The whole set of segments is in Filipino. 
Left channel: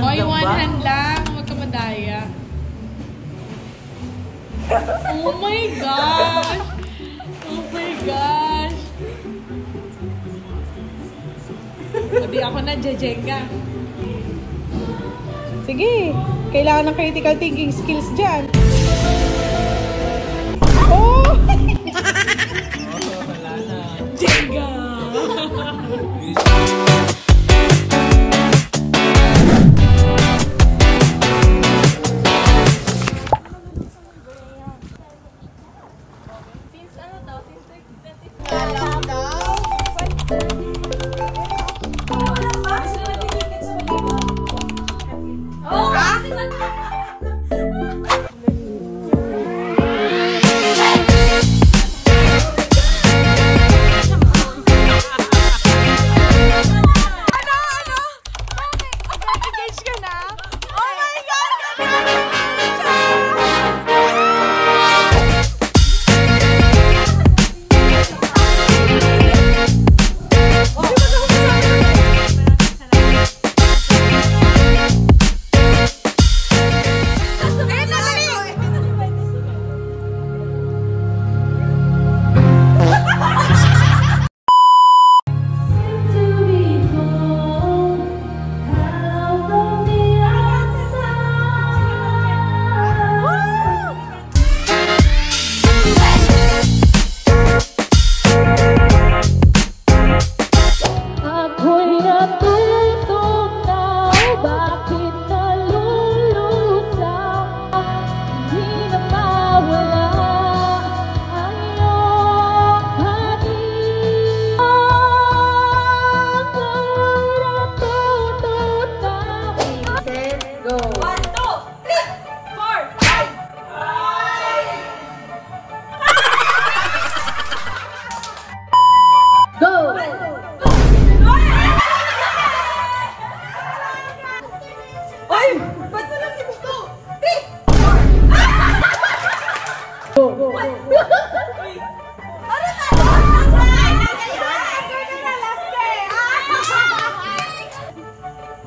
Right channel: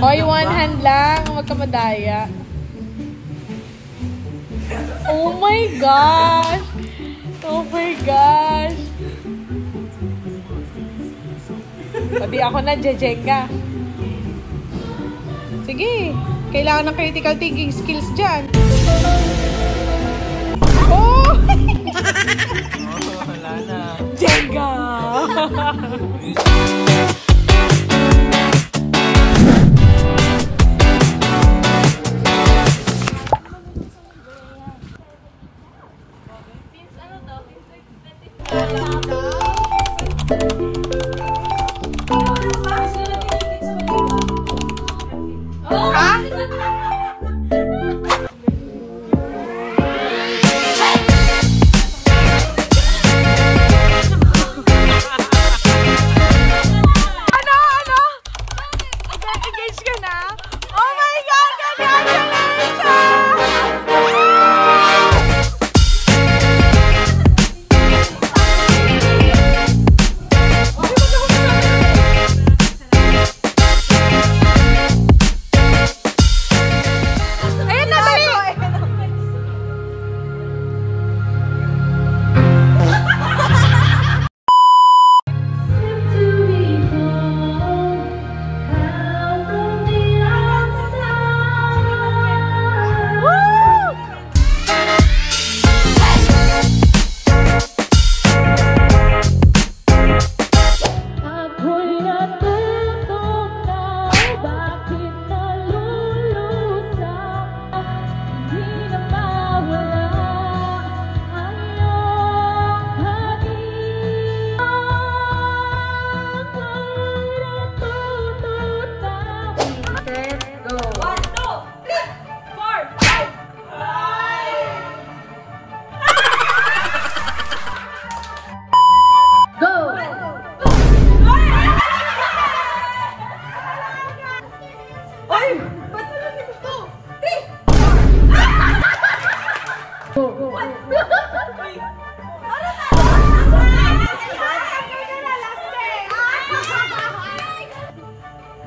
Oy, one hand lang. Huwag ka madaya. Oh my gosh! Oh my gosh! Sabi ako na, Jejenga. Sige. Kailangan ng critical thinking skills dyan. Oh! Wala na. Jenga!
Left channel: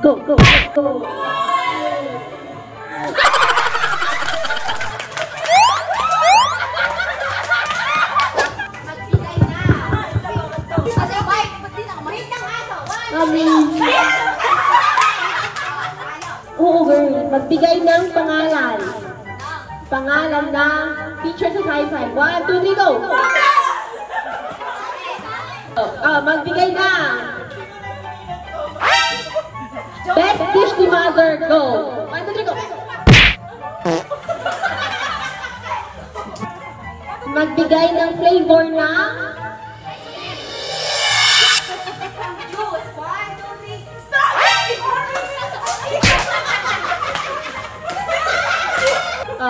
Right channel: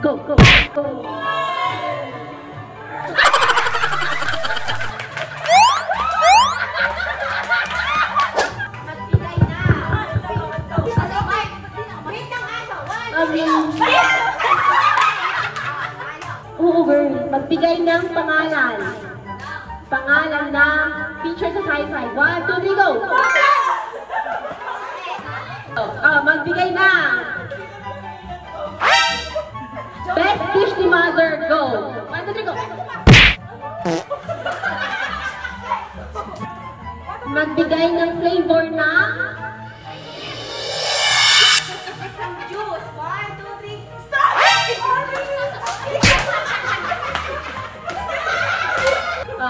Go, go, go. Magbigay na. Wait lang aso. 1, 2, 3. Oo, girl. Magbigay ng pangalan. Pangalan ng teacher sa sci-fi. 1, 2, 3, go! Magbigay na. Best dish ni mother, go! 1, 2, 3, go! Magbigay ng flavor na Juice. 1, 2, 3. Stop!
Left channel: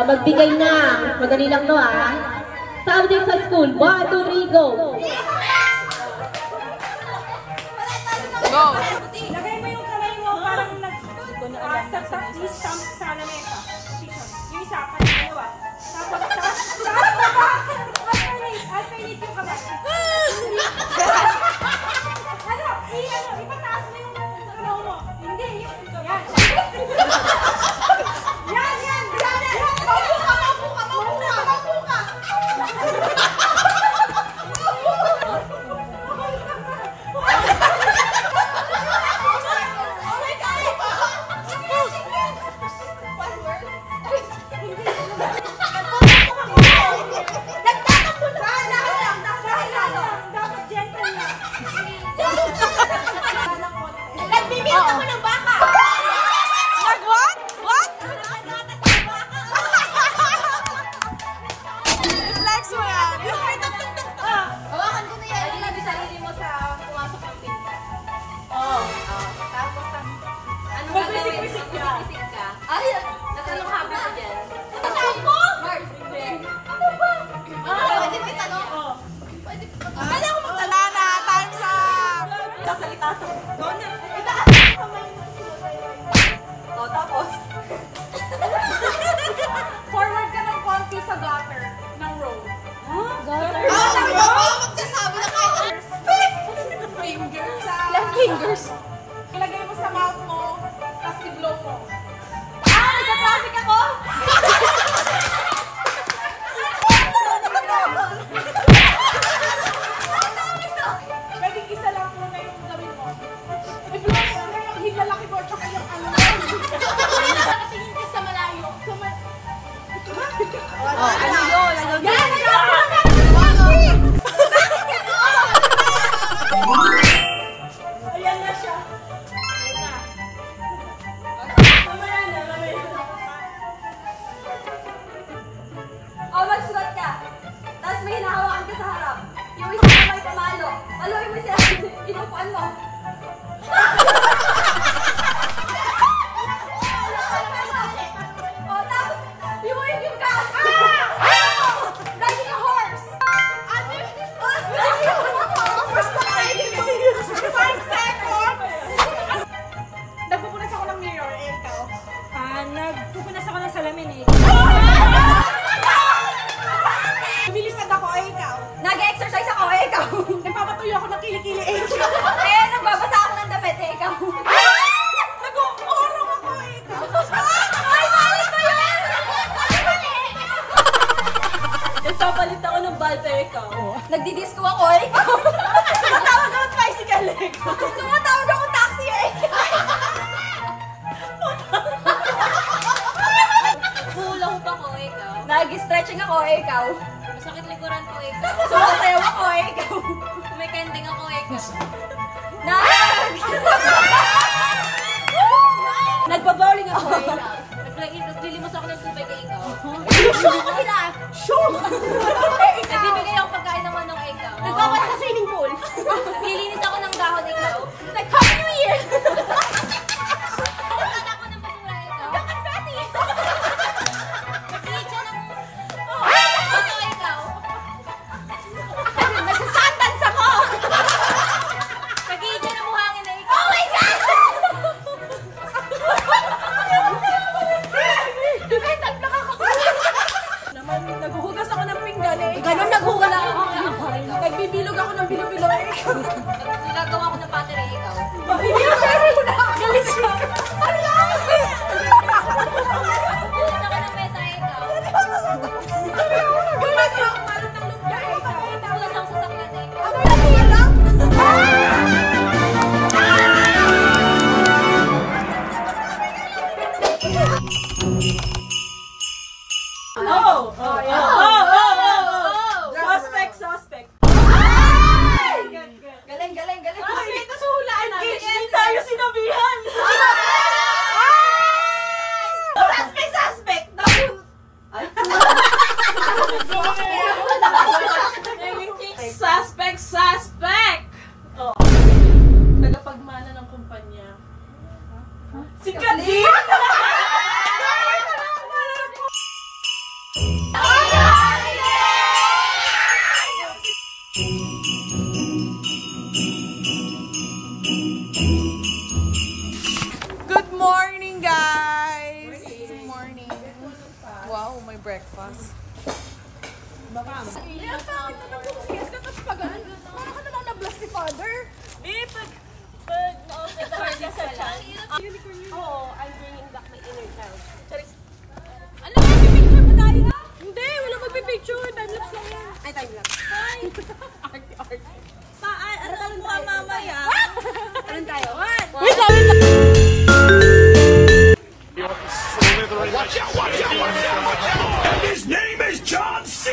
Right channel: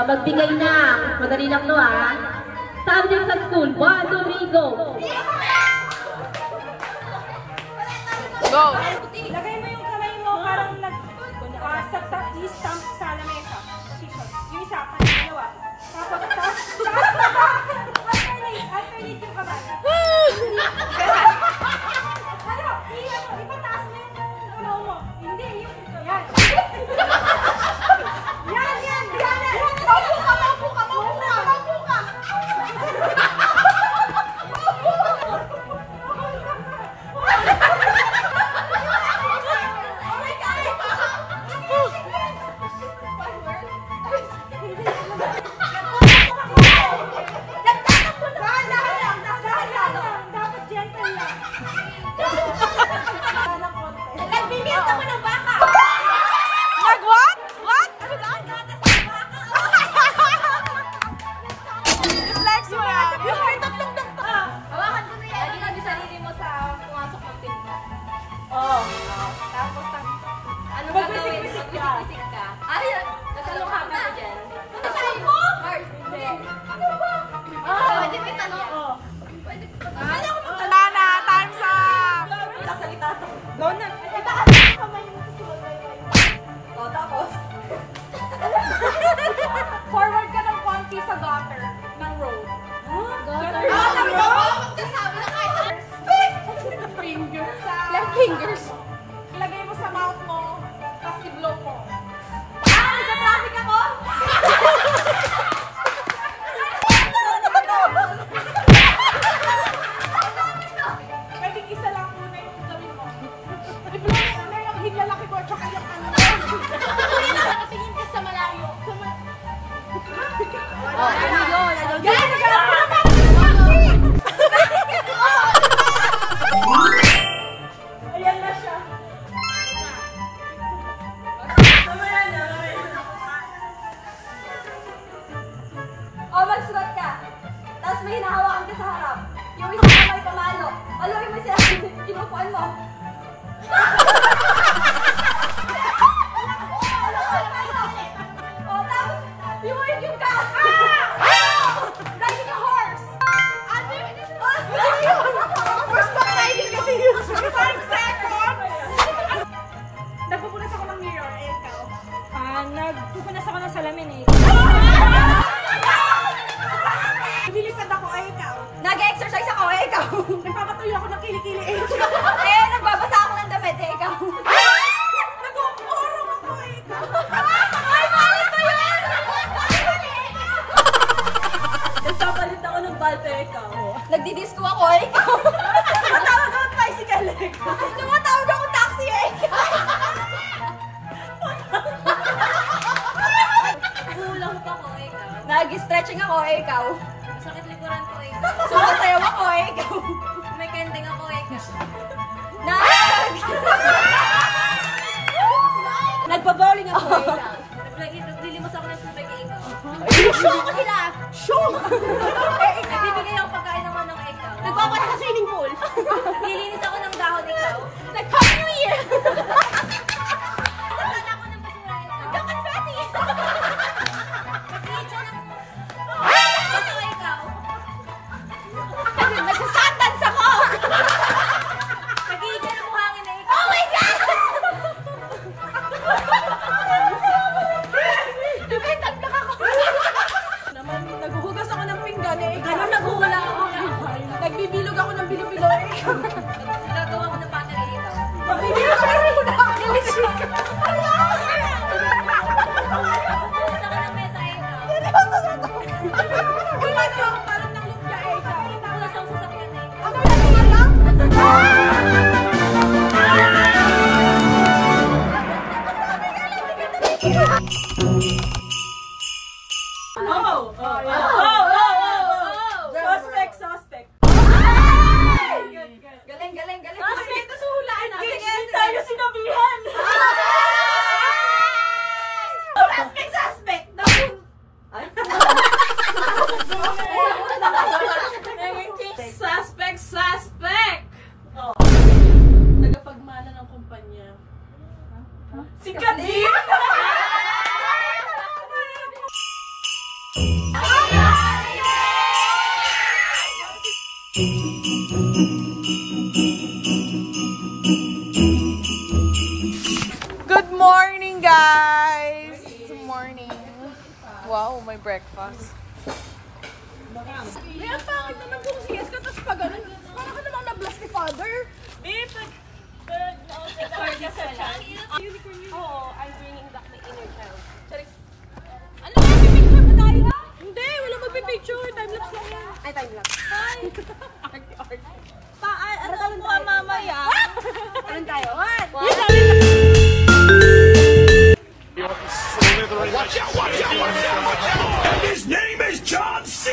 magbigay na. Madali lang no, ah. Subject sa school. 1, 2, 3, go! Go! Lagay mo yung kamay mo parang nag-stamp sa lamesa. Position. Yung isa, dalawa. Tapos, taas na ba? Alternate yung kamay. Ipataas mo yung kamay mo. Hindi, yung, yan. Yan. Maupo ka. Isik-isik ka. Ay, nasa anong happy mo dyan? Ano mo? Hindi. Ano ba? Pwede ka tanong. Ano ako magtanong? Na, time's up! Sasalita to. Mona. Itaas ang kamay mo. O, tapos. Forward ka ng konti sa gutter ng road. Fingers. Left fingers. Ilagay mo sa mouth mo, tapos i-blow mo. Nagka-traffic ako! Pwedeng isa lang muna yung gawin mo. I-blow mo muna yung hilalaki mo, tsaka yung ano. Nakatingin ka sa malayo. Yan! Ayan na siya. O, magsulat ka. Tapos may hinahawakan ka sa harap. Yung isang kamay pamalo. Paluin mo siya. Inupuan mo. O, tapos, yung ka. Riding a horse. Ano? Basta kayo kasi 5 seconds! Nagpupunas ako ng mirror, eh, ikaw. Nagpupunas ako ng salamin eh. Lumilipad ako, eh, ikaw. Nag-exercise ako, eh, ikaw. Nagpapatuyo ako ng kilikili, eh. Eh, nagbabasa ako ng damit, eh, ikaw. Nag-uurong ako, eh, ikaw. Ay, malit ba yun? Nagpapalit ako ng balta eh, ikaw. Nagdidisco ako, eh, ikaw. Tumatawag ako ng tricycle, eh, ikaw. Tumatawag ako taxi, eh, ikaw. Hula-hoop ako eh, ikaw. Nag-stretching ako, eh, ikaw. Masakit likuran ko eh, ikaw. Sumasayaw ako, eh, ikaw. May kending ako eh, ikaw. Nagbabowling ako, eh, ikaw. Naglilimos ako ng tubig eh, ikaw. Show ko sila! Show! Nagbibigay ako pagkain ng manong eh, ikaw. Nagpapala sa swimming pool. Naglilinis ako ng dahon eh, ikaw. Nag-Happy New Year! Nagtala ako ng basura eh, ikaw. Nag-confetti! Nag-iitsa ng... Bato eh, ikaw. Nagsasandans ako! Nag-iitsa ng buhangin eh, ikaw. Oh my God! Nag-mental block ako. Naman, naghuhugas ako ng pinggan, eh, ikaw. Ganun naghula ako. Nagbibilog ako ng bilo-bilo, eh, ikaw. Nagagawa ko ng battery eh, ikaw. Nagbibilog ako ng bilo-bilo. Nagpupunas ako ng mesa eh, ikaw. Gumagawa ako parang ng lumpia, eh, ikaw. Nagpupunas ako sa sakyan eh, ikaw. Ang dami na wala. Suspect. Galing, galing, galing. Ito sa hulaan natin. Hindi tayo sinabihan. Suspect. Suspect. Tagapagmana ng kumpanya. Si Kadin! Good morning, guys! Good morning. Wow, may breakfast. Oo, I'm bringing back my inner child. Ano? Picture ba tayo? Hindi, wala magpipicture. Time-lapse lang yan. Ay, time lapse. Arte. Ano mo ang mamaya? Anong tayo? What? Watch out, watch out, watch out, watch out! His name is John C.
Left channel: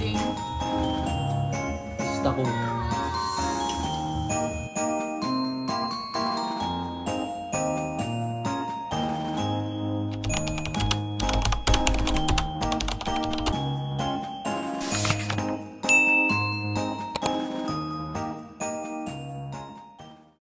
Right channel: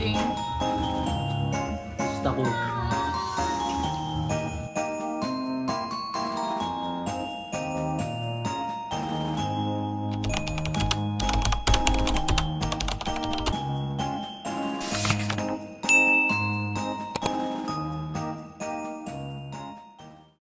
Ting. Basta ko.